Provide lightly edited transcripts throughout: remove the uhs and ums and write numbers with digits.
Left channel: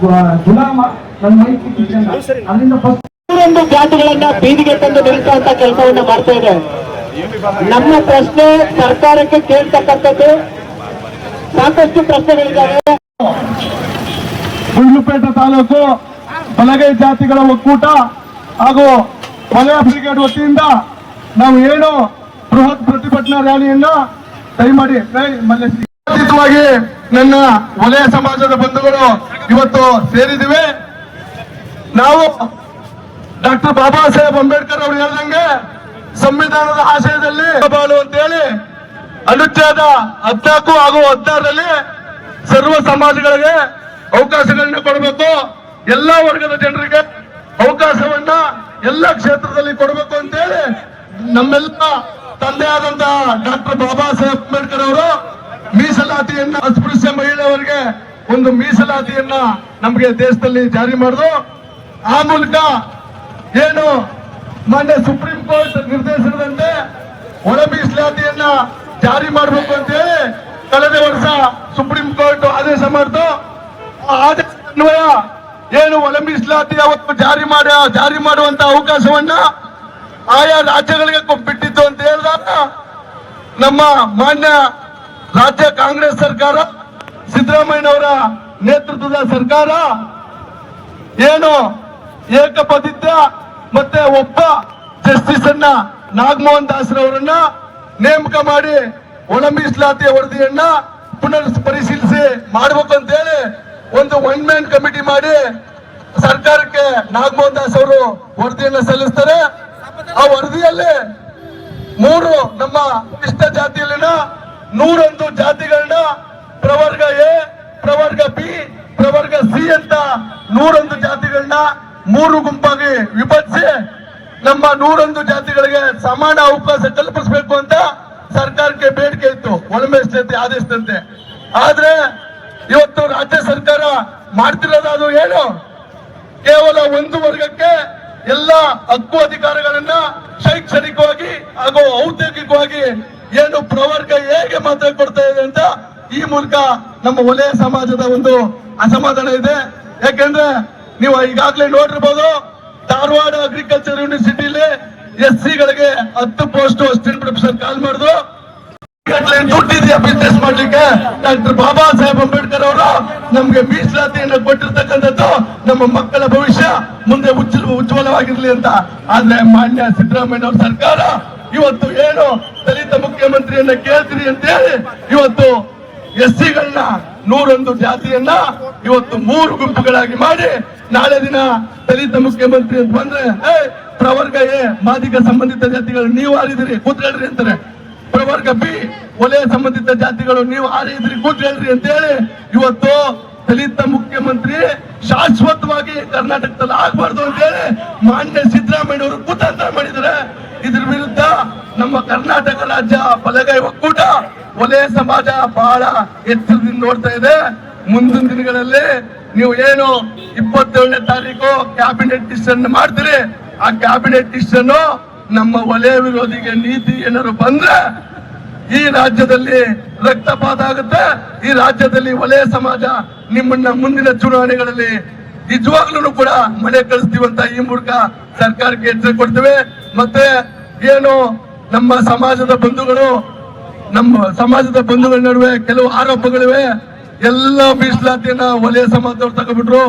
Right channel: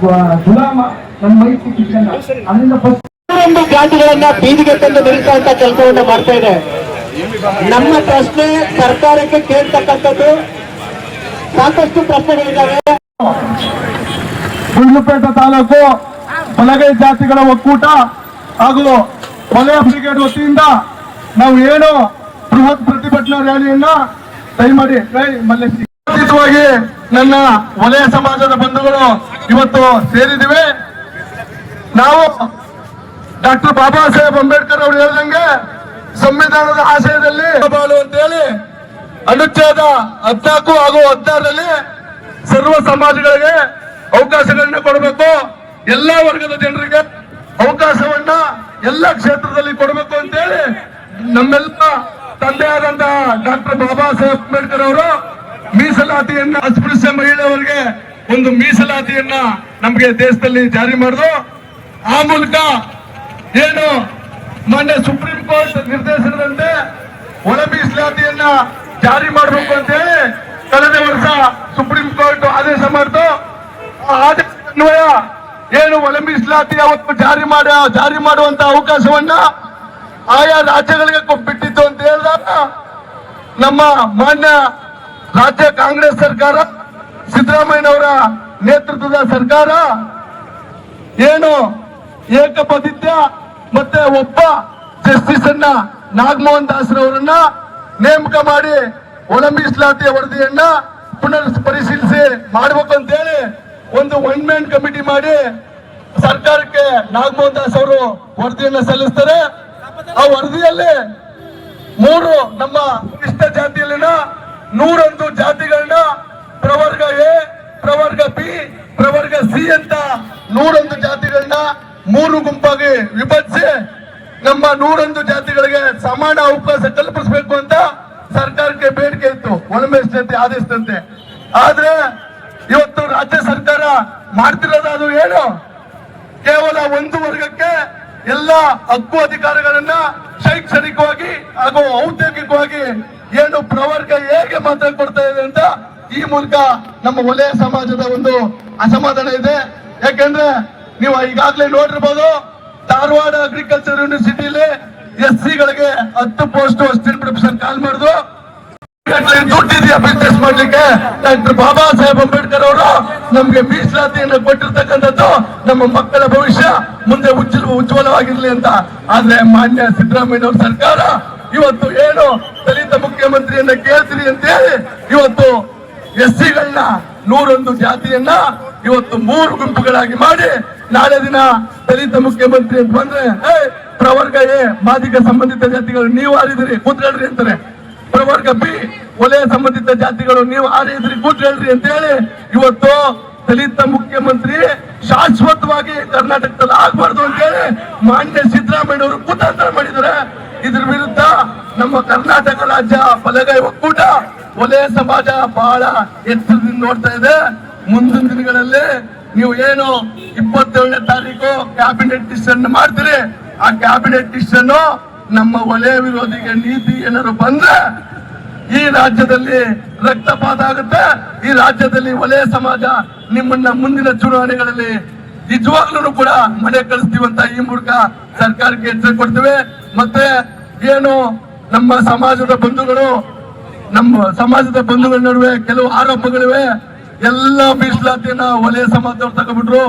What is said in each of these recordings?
ಗುಲಾಮ ಅಲ್ಲಿಂದ ಒಂದು ಜಾತಿಗಳನ್ನ ಬೀದಿಗೆ ತಂದು ನಿಲ್ಲಿಸುವಂತ ಕೆಲಸವನ್ನು ಮಾಡ್ತಾ ಇದೆ. ನಮ್ಮ ಪ್ರಶ್ನೆ ಸರ್ಕಾರಕ್ಕೆ ಕೇಳ್ತಕ್ಕಂಥದ್ದು ಸಾಕಷ್ಟು ಪ್ರಶ್ನೆಗಳಿದ್ದಾವೆ. ಗುಂಡ್ಲುಪೇಟೆ ತಾಲೂಕು ಬಲಗೈ ಜಾತಿಗಳ ಒಕ್ಕೂಟ ಹಾಗೂ ವಲಯ ಬ್ರಿಗೇಡ್ ವತಿಯಿಂದ ನಾವು ಏನು ಬೃಹತ್ ಪ್ರತಿಭಟನಾ ರ್ಯಾಲಿಯನ್ನ ದಯಮಾಡಿ ಅತೀತವಾಗಿ ನನ್ನ ವಲಯ ಸಮಾಜದ ಬಂಧುಗಳು ಇವತ್ತು ಸೇರಿದಿವೆ. ನಾವು ಡಾಕ್ಟರ್ ಬಾಬಾ ಸಾಹೇಬ್ ಅಂಬೇಡ್ಕರ್ ಅವರು ಹೇಳಿದಂಗೆ ಸಂವಿಧಾನದ ಆಶಯದಲ್ಲಿ ಬಾಳು ಅಂತ ಹೇಳಿ ಅನುಚ್ಛೇದ 14 ಹಾಗೂ 16ರಲ್ಲಿ ಸರ್ವ ಸಮಾಜಗಳಿಗೆ ಅವಕಾಶಗಳನ್ನ ಕೊಡಬೇಕು, ಎಲ್ಲಾ ವರ್ಗದ ಜನರಿಗೆ ಅವಕಾಶವನ್ನ ಎಲ್ಲ ಕ್ಷೇತ್ರದಲ್ಲಿ ಕೊಡಬೇಕು ಅಂತ ಹೇಳಿ ನಮ್ಮೆಲ್ಲ ತಂದೆಯಾದಂತಹ ಡಾಕ್ಟರ್ ಬಾಬಾ ಸಾಹೇಬ್ ಅಂಬೇಡ್ಕರ್ ಅವರು ಮೀಸಲಾತಿಯನ್ನ ಅಸ್ಪೃಶ್ಯ ಮಹಿಳೆಯರಿಗೆ ಒಂದು ಮೀಸಲಾತಿಯನ್ನ ನಮಗೆ ದೇಶದಲ್ಲಿ ಜಾರಿ ಮಾಡಿದ್ರು. ಆ ಮೂಲಕ ಏನು ಮಾನ್ಯ ಸುಪ್ರೀಂ ಕೋರ್ಟ್ ನಿರ್ದೇಶನದಂತೆ ಒಳ ಮೀಸಲಾತಿಯನ್ನ ಜಾರಿ ಮಾಡಬೇಕು ಅಂತ ಹೇಳಿ ಕಳೆದ ವರ್ಷ ಸುಪ್ರೀಂ ಕೋರ್ಟ್ ಆದೇಶ ಮಾಡಿತು. ಆ ಆದೇಶ ಅನ್ವಯ ಏನು ಒಳ ಮೀಸಲಾತಿ ಅವತ್ತು ಜಾರಿ ಮಾಡುವಂತ ಅವಕಾಶವನ್ನ ಆಯಾ ರಾಜ್ಯಗಳಿಗೆ ಬಿಟ್ಟಿತ್ತು ಅಂತ ಹೇಳಿದಾಗ ನಮ್ಮ ಮಾನ್ಯ ರಾಜ್ಯ ಕಾಂಗ್ರೆಸ್ ಸರ್ಕಾರ, ಸಿದ್ದರಾಮಯ್ಯನವರ ನೇತೃತ್ವದ ಸರ್ಕಾರ ಏನು ಏಕಪದಿತ್ಯ ಮತ್ತೆ ಒಬ್ಬ ಜಸ್ಟಿಸ್ ಅನ್ನ ನಾಗಮೋಹನ್ ದಾಸ್ರವರನ್ನ ನೇಮಕ ಮಾಡಿ ಒಳ ಮೀಸಲಾತಿಯ ವರದಿಯನ್ನ ಪುನರ್ ಪರಿಶೀಲಿಸಿ ಮಾಡಬೇಕು ಅಂತ ಹೇಳಿ ಒಂದು ಒನ್ ಮ್ಯಾನ್ ಕಮಿಟಿ ಮಾಡಿ ಸರ್ಕಾರಕ್ಕೆ ನಾಗಮೋಹನ್ ದಾಸ್ ಅವರು ವರದಿಯನ್ನ ಸಲ್ಲಿಸ್ತಾರೆ. ಆ ವರದಿಯಲ್ಲಿ 3 ನಮ್ಮ ಇಷ್ಟ ಜಾತಿಯಲ್ಲಿನ 101 ಜಾತಿಗಳನ್ನ ಪ್ರವರ್ಗ ಎ, ಪ್ರವರ್ಗ ಬಿ, ಪ್ರವರ್ಗ ಸಿ ಅಂತ 101 ಜಾತಿಗಳನ್ನ 3 ಗುಂಪಾಗಿ ವಿಭಜಿಸಿ ನಮ್ಮ 101 ಜಾತಿಗಳಿಗೆ ಸಮಾನ ಅವಕಾಶ ಕಲ್ಪಿಸಬೇಕು ಅಂತ ಸರ್ಕಾರಕ್ಕೆ ಬೇಡಿಕೆ ಇತ್ತು ಒಳ ಮೀಸಲಾತಿ ಆದೇಶದಂತೆ. ಆದ್ರೆ ಇವತ್ತು ರಾಜ್ಯ ಸರ್ಕಾರ ಮಾಡ್ತಿರೋದು ಏನು, ಕೇವಲ ಒಂದು ವರ್ಗಕ್ಕೆ ಎಲ್ಲ ಹಕ್ಕು ಅಧಿಕಾರಗಳನ್ನ ಶೈಕ್ಷಣಿಕವಾಗಿ ಹಾಗೂ ಔದ್ಯೋಗಿಕವಾಗಿ ಏನು ಪ್ರವರ್ಗ ಹೇಗೆ ಮಾತ್ರ ಕೊಡ್ತಾ ಇದೆ ಅಂತ ಈ ಮೂಲಕ ನಮ್ಮ ವಲಯ ಸಮಾಜದ ಒಂದು ಅಸಮಾಧಾನ ಇದೆ. ಯಾಕೆಂದ್ರೆ ನೀವು ಈಗಾಗಲೇ ನೋಡಿರ್ಬೋದು, ಧಾರವಾಡ ಅಗ್ರಿಕಲ್ಚರ್ ಯೂನಿವರ್ಸಿಟಿಲಿ SC ಗಳಿಗೆ 10 ಪೋಸ್ಟ್ ಅಸಿಸ್ಟೆಂಟ್ ಪ್ರೊಫೆಸರ್ ಕಾಲ್ ಮಾಡಿದ್ರು. ದುಡ್ಡಿದೆಯಾ ಬಿಸ್ನೆಸ್ ಮಾಡ್ಲಿಕ್ಕೆ? ಡಾಕ್ಟರ್ ಬಾಬಾ ಸಾಹೇಬ್ ಅಂಬೇಡ್ಕರ್ ಅವರು ನಮ್ಗೆ ಮೀಸಲಾತಿಯನ್ನು ಕೊಟ್ಟಿರ್ತಕ್ಕಂಥದ್ದು ನಮ್ಮ ಮಕ್ಕಳ ಭವಿಷ್ಯ ಮುಂದೆ ಉಜ್ವಲವಾಗಿರ್ಲಿ ಅಂತ. ಆದ್ರೆ ಮಾನ್ಯ ಸಿದ್ದರಾಮಯ್ಯ ಅವರ ಸರ್ಕಾರ ಇವತ್ತು ಏನು ದಲಿತ ಮುಖ್ಯಮಂತ್ರಿಯನ್ನ ಕೇಳ್ತೀರಿ ಅಂತ ಹೇಳಿ ಇವತ್ತು SC ಗಳನ್ನ 101 ಜಾತಿಯನ್ನ ಇವತ್ತು 3 ಗುಂಪುಗಳಾಗಿ ಮಾಡಿ ನಾಳೆ ದಿನ ದಲಿತ ಮುಖ್ಯಮಂತ್ರಿ ಅಂತ ಬಂದ್ರೆ ಪ್ರವರ್ಗ ಎ ಮಾದಿಗ ಸಂಬಂಧಿತ ಜಾತಿಗಳು ನೀವು ಆರಿದ್ರಿ ಕೂತ್ಕೊಳ್ರಿ ಅಂತಾರೆ, ಪ್ರವರ್ಗ ಬಿ ವಲಯ ಸಂಬಂಧಿತ ಜಾತಿಗಳು ನೀವು ಆರಿದ್ರಿ ಕೂತ್ಕೊಳ್ರಿ ಅಂತ ಹೇಳಿ ಇವತ್ತು ದಲಿತ ಮುಖ್ಯಮಂತ್ರಿ ಶಾಶ್ವತವಾಗಿ ಕರ್ನಾಟಕದಲ್ಲಿ ಆಗ್ಬಾರ್ದು ಅಂತ ಹೇಳಿ ಮಾನ್ಯ ಸಿದ್ದರಾಮಯ್ಯ ಅವರು ಕುತಂತ್ರ ಮಾಡಿದ್ದಾರೆ. ಇದ್ರ ವಿರುದ್ಧ ನಮ್ಮ ಕರ್ನಾಟಕ ರಾಜ್ಯ ಬಲಗೈ ಒಕ್ಕೂಟ ವಲಯ ಸಮಾಜ ಬಹಳ ಎಚ್ಚರದಿಂದ ನೋಡ್ತಾ ಇದೆ. ಮುಂದಿನ ದಿನಗಳಲ್ಲಿ ನೀವು ಏನು 27ನೇ ತಾರೀಕು ಕ್ಯಾಬಿನೆಟ್ ಡಿಸಿಷನ್ ಮಾಡ್ತೀರಿ, ಆ ಕ್ಯಾಬಿನೆಟ್ ಡಿಸಿಷನ್ ನಮ್ಮ ವಲಯ ವಿರೋಧಿಗೆ ನೀತಿ ಏನಾದ್ರು ಬಂದ್ರೆ ಈ ರಾಜ್ಯದಲ್ಲಿ ರಕ್ತಪಾತ ಆಗುತ್ತೆ. ಈ ರಾಜ್ಯದಲ್ಲಿ ವಲಯ ಸಮಾಜ ನಿಮ್ಮನ್ನ ಮುಂದಿನ ಚುನಾವಣೆಗಳಲ್ಲಿ ನಿಜವಾಗ್ಲೂ ಕೂಡ ಮನೆ ಕಳಿಸ್ತೀವಂತ ಈ ಮೂಲಕ ಸರ್ಕಾರಕ್ಕೆ ಎಚ್ಚರಿಕೆ ಕೊಡ್ತೇವೆ. ಮತ್ತೆ ಏನು ನಮ್ಮ ಸಮಾಜದ ಬಂಧುಗಳ ನಡುವೆ ಕೆಲವು ಆರೋಪಗಳಿವೆ. ಎಲ್ಲ ಮೀಸಲಾತಿಯನ್ನ ವಲಯ ಸಮಾಜದವ್ರು ತಗೊಂಡ್ಬಿಟ್ರು,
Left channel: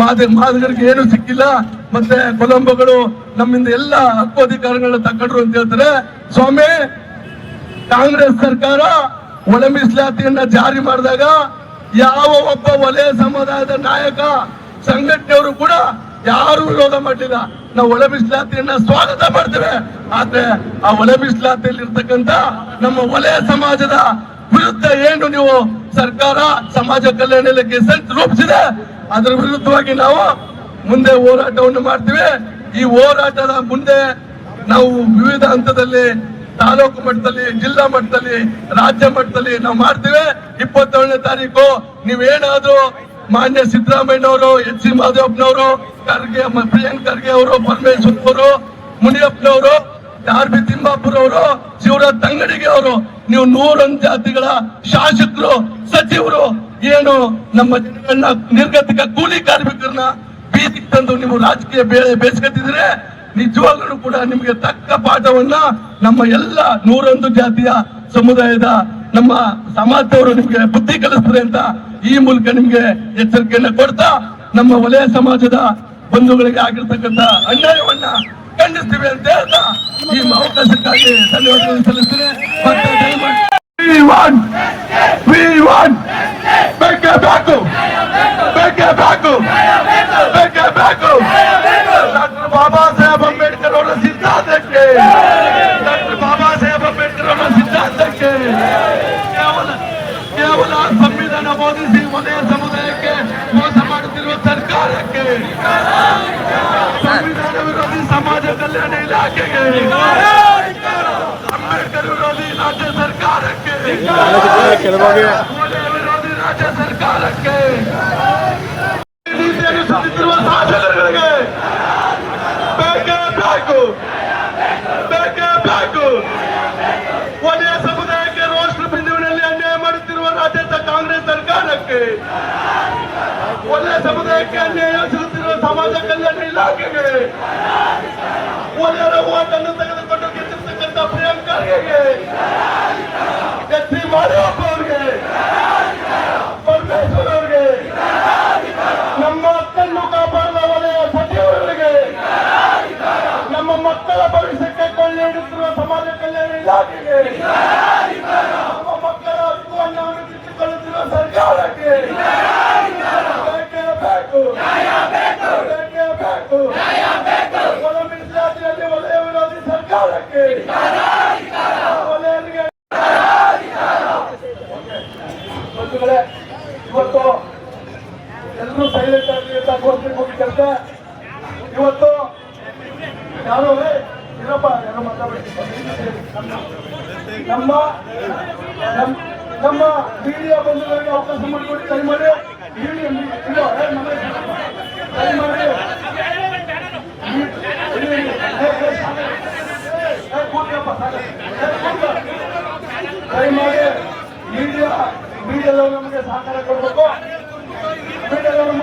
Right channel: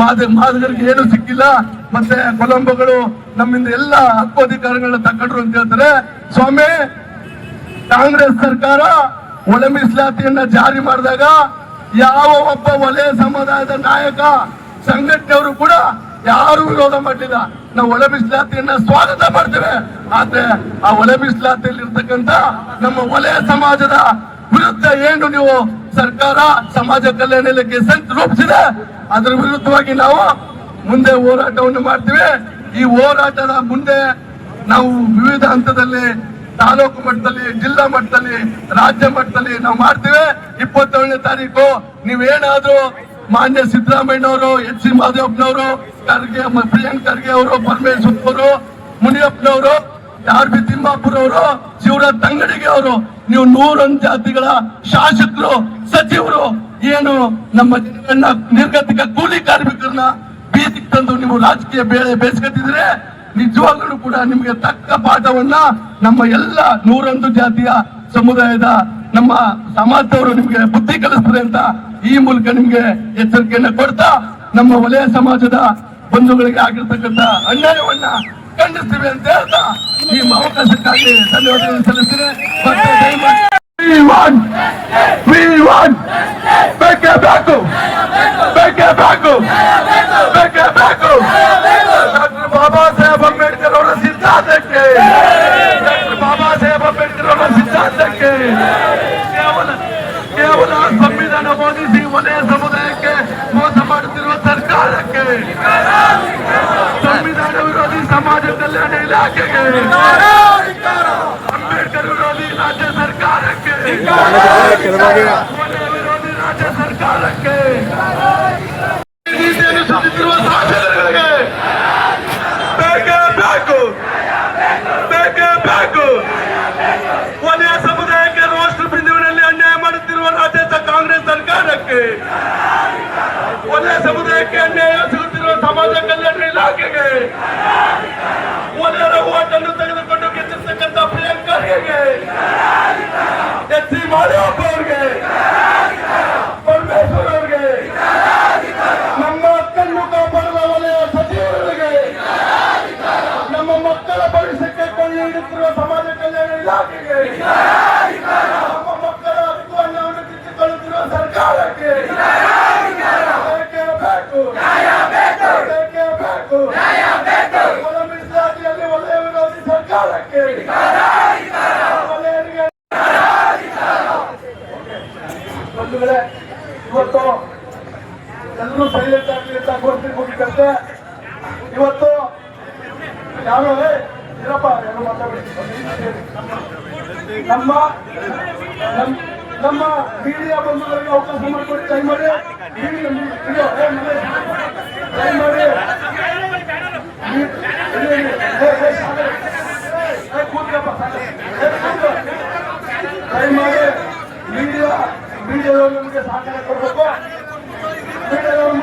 ಮಾದಿಗರಿಗೆ ಏನು ಸಿಕ್ಕಿಲ್ಲ, ಮತ್ತೆ ಕೊಲಂಬಗಳು ನಮ್ಮಿಂದ ಎಲ್ಲ ಹಕ್ಕು ಅಧಿಕಾರಗಳನ್ನ ತಗೊಂಡ್ರು ಅಂತ ಹೇಳ್ತಾರೆ. ಸ್ವಾಮಿ, ಕಾಂಗ್ರೆಸ್ ಸರ್ಕಾರ ಒಳ ಮೀಸಲಾತಿಯನ್ನ ಜಾರಿ ಮಾಡಿದಾಗ ಯಾವ ಒಬ್ಬ ವಲಯ ಸಮುದಾಯದ ನಾಯಕ ಸಂಘಟನೆಯವರು ಕೂಡ ಯಾರು ವಿರೋಧ ಮಾಡಿಲ್ಲ. ನಾವು ಒಳ ಮೀಸಲಾತಿಯನ್ನ ಸ್ವಾಗತ ಮಾಡ್ತೇವೆ. ಆದ್ರೆ ಆ ಒಳ ಮೀಸಲಾತಿಯಲ್ಲಿ ಇರ್ತಕ್ಕಂಥ ನಮ್ಮ ವಲಯ ಸಮಾಜದ ವಿರುದ್ಧ ಏನು ನೀವು ಸರ್ಕಾರ ಸಮಾಜ ಕಲ್ಯಾಣ ಇಲಾಖೆ ಸಂಚು ರೂಪಿಸಿದೆ, ಅದರ ವಿರುದ್ಧವಾಗಿ ನಾವು ಮುಂದೆ ಹೋರಾಟವನ್ನು ಮಾಡ್ತೀವಿ. ಈ ಹೋರಾಟದ ಮುಂದೆ ನಾವು ವಿವಿಧ ಹಂತದಲ್ಲಿ ತಾಲೂಕು ಮಟ್ಟದಲ್ಲಿ, ಜಿಲ್ಲಾ ಮಟ್ಟದಲ್ಲಿ, ರಾಜ್ಯ ಮಟ್ಟದಲ್ಲಿ ನಾವು ಮಾಡ್ತೀವಿ. 27ನೇ ತಾರೀಕು ನೀವೇನಾದ್ರೂ ಮಾನ್ಯ ಸಿದ್ದರಾಮಯ್ಯನವರು, HC ಮಾದೇವಪ್ಪನವರು, ಪ್ರಿಯಾಂಕ್ ಖರ್ಗೆ ಅವರು, ಪರಮೇಶ್ವರ್ ಅವರು, ಮುನಿಯಪ್ಪನವರು, RB ತಿಮ್ಮಾಪುರ್ ಅವರು, ಶಿವರಾಜ್ ತಂಗಡಿಗೆ ಅವರು, ನೀವು 101 ಜಾತಿಗಳ ಶಾಸಕರು, ಸಚಿವರು ಏನು ನಮ್ಮ ಜನಗಳನ್ನ ನಿರ್ಗತಿಕ ಕೂಲಿ ಕಾರ್ಮಿಕರನ್ನ ಬೀದಿಗೆ ತಂದು ನೀವು ರಾಜಕೀಯ ಬೇಸ್ಕತ್ತಿದ್ರೆ ನಿಜವಾಗ್ಲೂ ಕೂಡ ನಿಮಗೆ ತಕ್ಕ ಪಾಠವನ್ನ ನಮ್ಮ ಎಲ್ಲ 101 ಜಾತಿಯ ಸಮುದಾಯದ ನಮ್ಮ ಸಮಾಜದವರು ನಿಮ್ಗೆ ಬುದ್ಧಿ ಕಲಿಸ್ತಾರೆ ಅಂತ ಈ ಮೂಲಕ ನಿಮ್ಗೆ ಎಚ್ಚರಿಕೆಯನ್ನ ಕೊಡ್ತಾ ನಮ್ಮ ವಲಯ ಸಮಾಜದ ಬಂಧುಗಳಿಗೆ ಆಗಿರ್ತಕ್ಕಂಥ ಅನ್ಯಾಯವನ್ನ ಖಂಡಿಸ್ತೀವಿ ಅಂತ ಹೇಳ್ತಾ ಈ ಅವಕಾಶಕ್ಕಾಗಿ ಧನ್ಯವಾದಗಳನ್ನು ಸಲ್ಲಿಸ್ತೇನೆ. ಮತ್ತೆ ದಯಮಾಡಿ We want Bekebeko. Dr. Baba Saheb Ambedkar ಅವರ ಸಿದ್ಧಾಂತಕ್ಕೆ ಡಾಕ್ಟರ್ ಬಾಬಾ ಸಾಹೇಬ್ ಅಂಬೇಡ್ಕರ್ ಅವರ ಸಿದ್ಧಾಂತಕ್ಕೆ ಕೇವಲ ಸಂವಿಧಾನ ಬೋಧಿಸಿ ವಲಯ ಸಮುದಾಯಕ್ಕೆ ಮೋಸ ಮಾಡುತ್ತಿರುವ ಸರ್ಕಾರಕ್ಕೆ ಸಂವಿಧಾನ ವಿರೋಧಿ ಸಮಾಜ ಕಲ್ಯಾಣ ಇಲಾಖೆಗೆ ಅಂಬೇಡ್ಕರ್ ವಿರೋಧಿ ರಾಜ್ಯ ಸರ್ಕಾರಕ್ಕೆ ವಲಯ ವಿರೋಧಿ ರಾಜ್ಯ ಸರ್ಕಾರಕ್ಕೆ ನೀತಿಯನ್ನು ಸುತ್ತಿರುವ ಶಾಸಕರಿಗೆ ಬೇಕು ವಲಯ ಸಮುದಾಯಕ್ಕೆ ರಾಷ್ಟ್ರ ಬಿಂದುವಿನಲ್ಲಿ ಅನ್ಯಾಯ ಮಾಡುತ್ತಿರುವ ರಾಜ್ಯದ ಕಾಂಗ್ರೆಸ್ ಸರ್ಕಾರಕ್ಕೆ ವಲಯ ಸಮುದಾಯಕ್ಕೆ ಅನ್ಯಾಯ ಸಿಗುತ್ತಿರುವ ಸಮಾಜ ಕಲ್ಯಾಣ ಇಲಾಖೆಗೆ ವಲಯರ ಓಟನ್ನು ತೆಗೆದುಕೊಂಡು ಗೆದ್ದಿರ್ತಕ್ಕಂಥ ಪ್ರಿಯಾಂಕರ್ಗೆ ಎಚ್ ಸಿ ಮಾದೇವಪ್ಪ ಅವರಿಗೆ ಪರಮೇಶ್ವರ್ ಅವರಿಗೆ ನಮ್ಮ ಹಕ್ಕನ್ನು ಕಾಪಾಡುವ ವಲಯ ಸಚಿವರಿಗೆ ನಮ್ಮ ಮಕ್ಕಳ ಭವಿಷ್ಯಕ್ಕೆ ಕೊಳ್ಳೆ ಹಿಡಿದಿರುವ ಸಮಾಜ ಕಲ್ಯಾಣ ಇಲಾಖೆಗೆ ನಮ್ಮ ಮಕ್ಕಳ ಹಕ್ಕನ್ನು ಕಿತ್ತುಕೊಳ್ಳುತ್ತಿರುವ ಸರ್ಕಾರಕ್ಕೆ ಮೀಸಲಾತಿಯಲ್ಲಿ ವಲಯ ವಿರೋಧಿ ಸರ್ಕಾರಕ್ಕೆ ವಲಯರಿಗೆ ಇವತ್ತು ಎಲ್ಲರೂ ಸೈಲೆಂಟ್ ಆಗಿ ಮುಗಿದಂತೆ ಇವತ್ತು ಯಾರು ಇರಪ್ಪ ಯಾರು ಮಾತಾಡಬೇಕು ನಮ್ಮ ಮೀಡಿಯಾ ಬಂಧುಗಳಿಗೆ ಅವಕಾಶ ಮಾಡಿಕೊಡಿ ದಯಮಾಡಿ ಮೀಡಿಯಾದವರು ನಮಗೆ ಸಹಕಾರ ಕೊಡಬೇಕು. ಮೀಡಿಯಾದವರು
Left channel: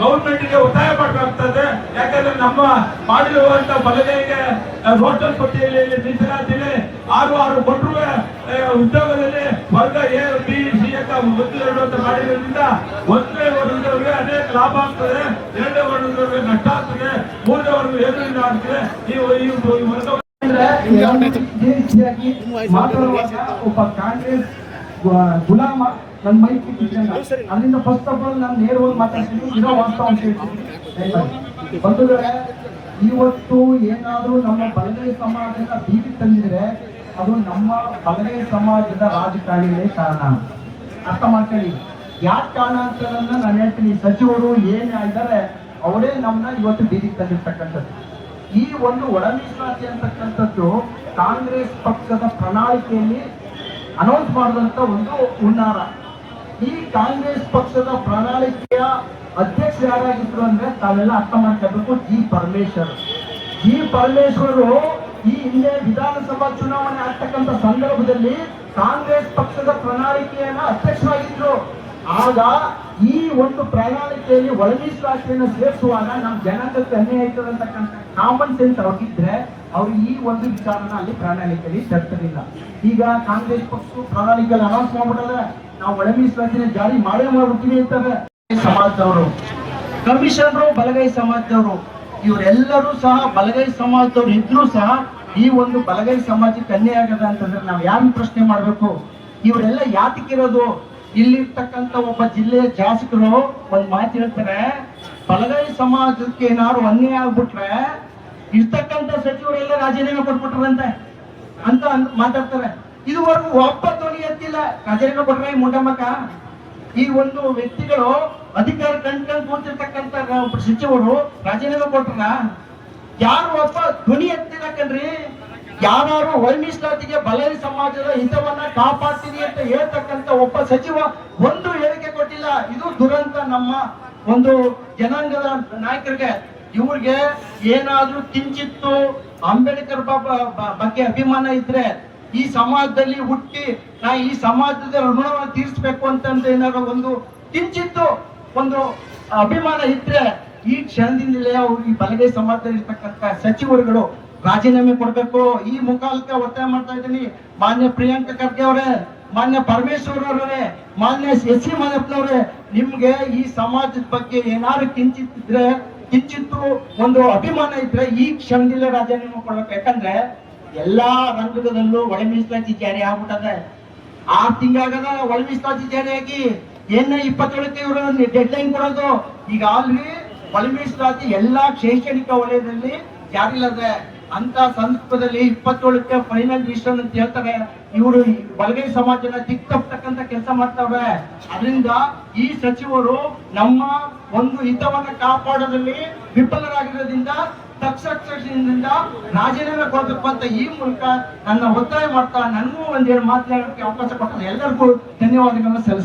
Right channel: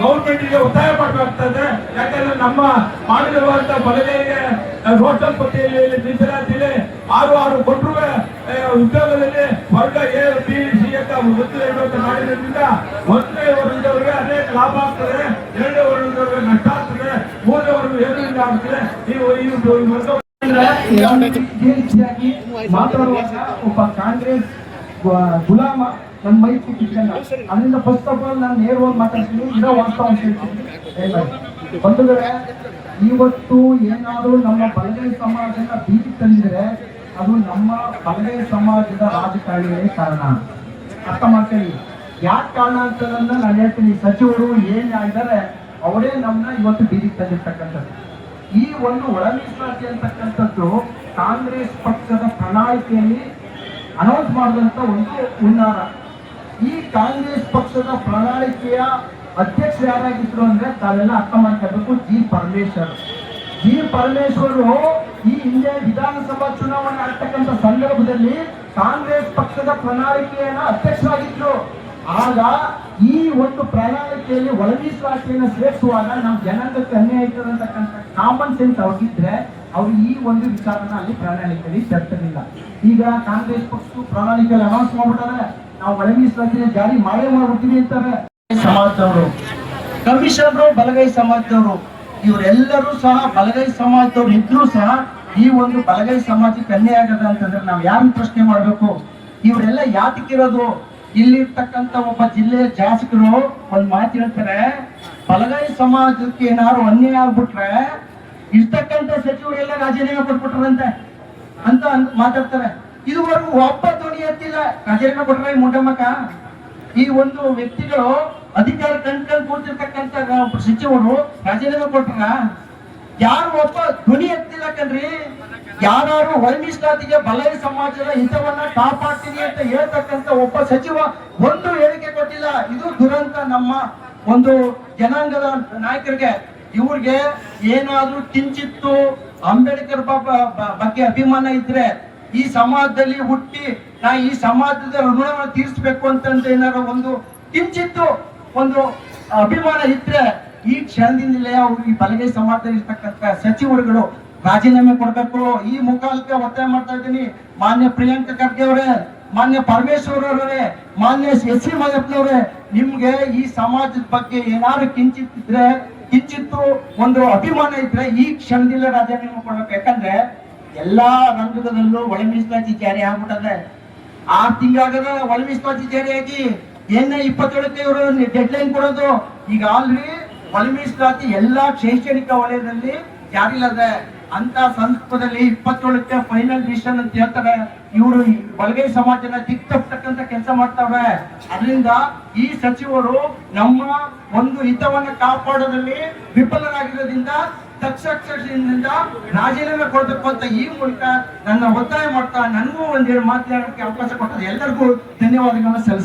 ಗೌರ್ಮೆಂಟ್ಗೆ ಒತ್ತಾಯ ಮಾಡಬೇಕಾಗ್ತದೆ. ಯಾಕಂದ್ರೆ ನಮ್ಮ ಮಾಡಿರುವಂತಹ ಬಲಗೈಗೆ ಹೋಟೆಲ್ ಪಟ್ಟಿಯಲ್ಲಿ ಮೀಸಲಾತಿಯಲ್ಲಿ 6 ಕೊಟ್ಟರು ಉದ್ಯೋಗದಲ್ಲಿ ವರ್ಗ ಎ ಬಿ ಸಿ ಅಂತ 1-2 ಅಂತ ಮಾಡಿರೋದ್ರಿಂದ 1ನೇ ವರ್ಗದವರಿಗೆ ಅನೇಕ ಲಾಭ ಆಗ್ತದೆ, 2ನೇ ವರ್ಗದವರಿಗೆ ನಷ್ಟ ಆಗ್ತದೆ, 3ನೇ ವರ್ಗ ಏನಿಂದ ಆಗ್ತದೆ. ಮಾತಾಡುವಾಗ ಒಬ್ಬ ಕಾಂಗ್ರೆಸ್ ಗುಲಾಮ ನನ್ನ ಮೈತ್ರಿ ಅಲ್ಲಿಂದ ಫಸ್ಟ್ ಆಫ್ ಆಲ್ ನಾನು ನೇರವಾಗಿ ಮಾತಾಡ್ತೀನಿ, ಇರೋ ವಾಸ್ತವ ಅಂತ ಹೇಳ್ತೀನಿ. ಬಂಧುಗಳೇ, ಇವತ್ತು ಏನಾದರೂ ನಮ್ಮ ಬಲಗೈ ಸಮಾಜನ ಬೀದಿ ತಂದಿದ್ರೆ ಅದು ನಮ್ಮ ಬಲಗೈ ಸಮಾಜದ ರಾಜಕಾರಣಿಗಳೇ ಕಾರಣ. ಅರ್ಥ ಮಾಡ್ಕೊಳ್ಳಿ. ಯಾಕೆ ಕಾರಣ ಅಂತದನ್ನ ನಾನು ಹೇಳ್ತೀನಿ. ಸಚಿವರು ಏನಾಗಿದ್ದಾರೆ ಅವರೇ ನಮ್ಮನ್ನ ಇವತ್ತು ಬೀದಿಗೆ ತಂದಿರ್ತಕ್ಕಂಥದ್ದು. ಈ ಒಂದು ಒಳ ಮೀಸಲಾತಿ ಅಂತಕ್ಕಂಥದ್ದು ಕಾಂಗ್ರೆಸ್ ಪಕ್ಷದ ಪ್ರಣಾಳಿಕೆಯಲ್ಲಿ ಅನೌನ್ಸ್ ಮಾಡಿದಂತ ಒಂದು ಹುನ್ನಾರ. ಈ ಕಾಂಗ್ರೆಸ್ ಪಕ್ಷದ ಪ್ರಣಾಳಿಕೆಯ ಅಧ್ಯಕ್ಷ ಯಾರಾಗಿದ್ರು ಅಂದ್ರೆ ತಾವೆಲ್ಲ ಅರ್ಥ ಮಾಡ್ಕೋಬೇಕು, ಜಿ ಪರಮೇಶ್ವರು ಈ ಹಿಂದೆ ವಿಧಾನಸಭಾ ಚುನಾವಣೆ ಆಗ್ತಕ್ಕಂಥ ಸಂದರ್ಭದಲ್ಲಿ ಕಾಂಗ್ರೆಸ್ ಪಕ್ಷದ ಪ್ರಣಾಳಿಕೆಯನ್ನ ಅಧ್ಯಕ್ಷರಾಗಿದ್ರು. ಆಗ ಈ ಒಂದು ಪ್ರಣಾಳಿಕೆಯಲ್ಲಿ ಒಳ ಮೀಸಲಾತಿಯನ್ನು ಸೇರಿಸುವಾಗ ನಮ್ಮ ಜನಾಂಗಕ್ಕೆ ಅನ್ಯಾಯ ಆಯ್ತದೆ ಅಂತಕ್ಕಂಥ ಕಾಮನ್ ಸೆನ್ಸ್ ಅವ್ರಿಗಿದ್ರೆ ಅವ್ರು ಈ ಒಂದು ವಿಚಾರನ ಅಲ್ಲಿ ಪ್ರಣಾಳಿಕೆಯಲ್ಲಿ ತರ್ತಿರ್ಲಿಲ್ಲ. ಈಗ ಕಾಂಗ್ರೆಸ್ ಪಕ್ಷ ಪ್ರಣಾಳಿಕೆಯಲ್ಲಿ ಅನೌನ್ಸ್ ಮಾಡ್ಬಿಟ್ಟಾರೆ, ನಾವು ಒಳ ಮೀಸಲಾತಿನ ಜಾರಿ ಮಾಡೇ ಮಾಡ್ಬಿಡ್ತೀವಿ ಅಂತಾರೆ. ಸಮಾಜದವರು, ಕಮಿಷನರು ಬಲಗೈ ಸಮಾಜದವರು, ಇವರೆಲ್ಲರೂ ಸಹ ಬಲಗೈ ಸಮಾಜದವ್ರು ಇದ್ರು ಸಹ ಈ ಒಂದು ಬಲಗೈ ಸಮಾಜಕ್ಕೆ ಅನ್ಯಾಯ ಆಗದ ಅಂತಂದ್ರೆ ನಾವು ಯಾರನ್ನ ಪ್ರಶ್ನೆ ಮಾಡ್ಬೇಕು? ಇವರೆಲ್ಲ ಯಾತಕ್ಕಿರೋದು? ಇಲ್ಲಿರ್ತಕ್ಕಂಥ ಒಬ್ಬ ಜಿಲ್ಲೆಯ ಶಾಸಕರು ಒಂದ್ ಮಾತು ಹೇಳ್ತಾರೆ, ಬಲಗೈ ಸಮಾಜಕ್ಕೆ ಏನಾದ್ರು ಅನ್ಯಾಯ ಆಗ್ಬಿಟ್ರೆ ಇರ್ತಕ್ಕಂಥ ಸಚಿವರೆಲ್ಲ ರಾಜೀನಾಮೆ ಕೊಟ್ಬಿಟ್ರಂತೆ ಅಂತ ಮಾತಾಡ್ತಾರೆ. ಇದುವರೆಗೂ ಒಬ್ಬ ಧ್ವನಿ ಎತ್ತಿಲ್ಲ. ರಾಜೀನಾಮೆ ಕೊಟ್ರೆ ಮುಡಮಕ ಈ ಒಂದು ವ್ಯಕ್ತಿಗಳು ಅಧಿಕಾರ ಕಂಡ್ಕೊಂಡು ಕೂತಿರ್ತಕ್ಕಂಥ ಸಚಿವರು ರಾಜೀನಾಮೆ ಕೊಟ್ರ? ಯಾರು ಒಬ್ಬ ಧ್ವನಿ ಎತ್ತಿಲ್ಲ ಕಣ್ರಿ. ಯಾರು ಒಳ ಮೀಸಲಾತಿಗೆ ಬಲಗೈ ಸಮಾಜದ ಹಿತವನ್ನ ಕಾಪಾಡ್ತೀನಿ ಅಂತ ಹೇಳ್ತಕ್ಕಂಥ ಒಬ್ಬ ಸಚಿವ ಒಂದು ಹೇಳಿಕೆ ಕೊಟ್ಟಿಲ್ಲ. ಇದು ದುರಂತ ನಮ್ಮ ಒಂದು ಜನಾಂಗದ ನಾಯಕರಿಗೆ. ಇವ್ರಿಗೆ ಏನಾದ್ರೂ ಕಿಂಚಿತ್ತು ಅಂಬೇಡ್ಕರ್ ಬಗ್ಗೆ ಅಭಿಮಾನ ಇದ್ರೆ, ಈ ಸಮಾಜದಲ್ಲಿ ಹುಟ್ಟಿ ನಾ ಈ ಸಮಾಜದ ಋಣವನ್ನು ತೀರಿಸಬೇಕು ಅಂತಂದ್ರೆ ಏನಾದ್ರು ಒಂದು ಕಿಂಚಿತ್ತು ಒಂದು ಅಭಿಮಾನ ಇದ್ರೆ ಈ ಕ್ಷಣದಿಂದಲೇ ಅವ್ರು ಈ ಬಲಗೈ ಸಮಾಜದಲ್ಲಿ ಇರ್ತಕ್ಕಂಥ ಸಚಿವರುಗಳು ರಾಜೀನಾಮೆ ಕೊಡ್ಬೇಕು. ಈ ಮುಖಾಲಕ್ಕೆ ಒತ್ತಾಯ ಮಾಡ್ತಾ ಇದ್ದೀನಿ. ಮಾನ್ಯ ಪ್ರಿಯಾಂಕ ಖರ್ಗೆ ಅವರೇ, ಮಾನ್ಯ ಪರಮೇಶ್ವರ್ ಅವರೇ, ಮಾನ್ಯ ಎಸ್ ಸಿ ಮಾಯಪ್ಪನವರೇ, ನಿಮ್ಗೆ ಈ ಸಮಾಜದ ಬಗ್ಗೆ ಏನಾದ್ರು ಕಿಂಚಿತ್ತು ಒಂದು ಅಭಿಮಾನ ಇದ್ರೆ ಈ ಕ್ಷಣದಿಂದ ರಾಜೀನಾಮೆ ಕೊಡ್ಬೇಕು. ಯಾಕಂದ್ರೆ ಎಲ್ಲಾ ರಂಗದಲ್ಲೂ ಒಳ ಮೀಸಲಾತಿ ಜಾರಿ ಆಗ್ಬಿಟ್ಟದೆ. 6 ತಿಂಗಳಾಗದ ಒಳ ಮೀಸಲಾತಿ ಜಾರಿಯಾಗಿ 27ಕ್ಕೆ ಇವರು ಡೆಡ್ ಲೈನ್ ಕೊಡೋದು. ಈಗ ಆಲ್ರೆಡಿ ಒಳ ಮೀಸಲಾತಿ ಎಲ್ಲಾ ಶೈಕ್ಷಣಿಕ ವಲಯದಲ್ಲಿ ಜಾರಿಲದೆ. ಅಂತ ಸಂದರ್ಭದಲ್ಲಿ 27ಕ್ಕೆ ಫೈನಲ್ ಡಿಸಿಷನ್ ಅಂತ ಹೇಳ್ತಾರೆ. ಇವರು ಬಲಗೈ ಸಮಾಜನ ದಿಕ್ ತಪ್ಪತಕ್ಕಂತ ಕೆಲಸ ಮಾಡ್ತಾವೆ. ಅದರಿಂದ ಈ ಸಚಿವರು ನಮ್ಮ ಒಂದು ಹಿತವನ್ನ ಕಾಪಾಡೋದ್ರಲ್ಲಿ ವಿಫಲರಾಗಿರೋದ್ರಿಂದ ತಕ್ಷಣದಿಂದ ರಾಜೀನಾಮೆ ಕೊಡಬೇಕು ಅಂತ ಈ ಮೂಲಕ ನನ್ನ ಒತ್ತಾಯ ಮಾಡ್ತಾ ನನಗೂ ಒಂದೆರಡು ಮಾತನಾಡೋಕ್ಕೆ ಅವಕಾಶ ಕೊಟ್ಟರೆ ಎಲ್ಲರಿಗೂ ಧನ್ಯವಾದಗಳನ್ನ ಸಲ್ಲಿಸ್ತೀನಿ.